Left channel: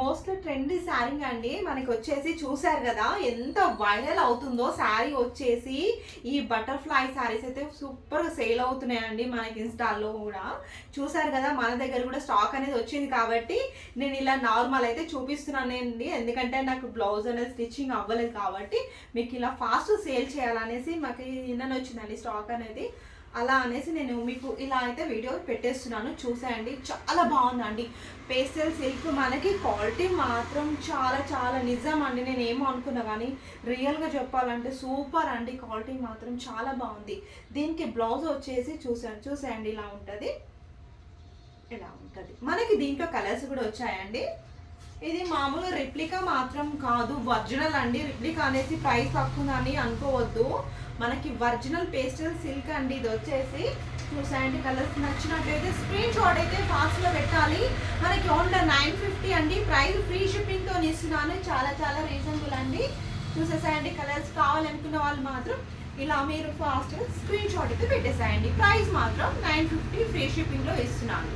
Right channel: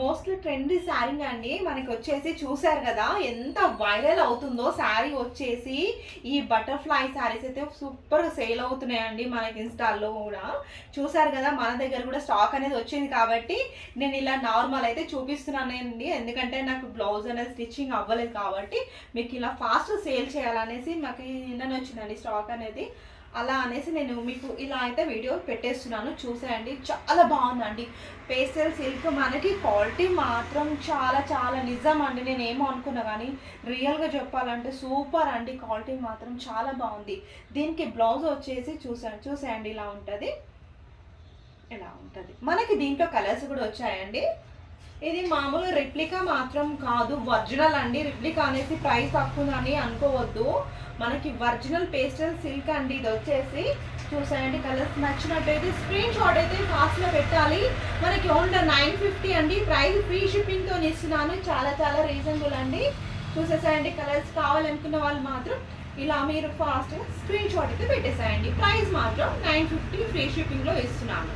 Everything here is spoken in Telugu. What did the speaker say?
మోస్ట్ ట్రెండీ శారీ అండి. మనకి వచ్చేసి చూసారు కదా ఎంత వైరల్ అవుతుందో శారీ వచ్చేసి. ఈ బటర్ఫ్లై శారీస్ అయితే సూపర్ సేల్ అవుతున్నాయండి మనకి ఇన్స్టాల్లో కూడా. చూసారు కదా, మన దగ్గర కూడా స్టాక్ అనేది వచ్చింది కాబట్టి నేను ఇలా నార్మల్ అయితే చూపిస్తున్నానండి. ఎందుకంటే నాకు బ్లౌజ్ అనేది స్టిచ్చింగ్ అవ్వలేదు కాబట్టి మీకు ఇలా ఫాస్ట్ సేల్ చేయాలనేసి మాకు నిన్న వచ్చిందండి స్టాక్ అనేది. అలా అనేసి నేను మీకు ఇలా అయితే వీడియో పెట్టేస్తున్నాను, చూసేయండి. చాలా బాగుందండి పేస్టల్ సిల్క్. మనకి క్వాలిటీ మాత్రం చాలా చాలా నిజం అండి. నేను ఏమో అనుకున్నా కానీ రియల్గా చెప్పాలంటే సూపర్ అండి. క్వాలిటీ మాత్రం చాలా బాగుంది. దీనికి బ్లౌజ్ వచ్చేసి చూసేయండి ఇలా ఉంటుంది. ఇలా ఉంటుంది. మనకి దీంట్లో కలర్స్ కూడా వచ్చాయండి. ఇది మామూలు రిప్లికా మాత్రం కాదు, ఒరిజినల్ అండి. రిప్లికా అనేసి ప్రైస్ తక్కువని అనుకోవద్దు. మనకి ఒరిజినల్ పేస్టల్ సిల్క్ అండి. ఇది వచ్చేసి చూసాయండి. కలర్స్ నచ్చినట్టయితే స్క్రీన్ షాట్ అయితే ఫాస్ట్గా పెట్టాలి. మనకి ఓన్లీ 950 అండి. ప్రైస్ ఫ్రీ షిప్పింగ్తో ఇస్తున్నాను. చాలా చాలా రీజనబుల్ అండి. చూసేసాయండి. కలర్స్ కావాలనుకున్న వాళ్ళు మాత్రం ఇలా మీరు ఫాస్ట్గా స్క్రీన్ షాట్ అయితే పెట్టేసాయండి. ప్రైస్ మాత్రం 950 ఫ్రీ షిప్పింగ్లో ఇస్తున్నాను.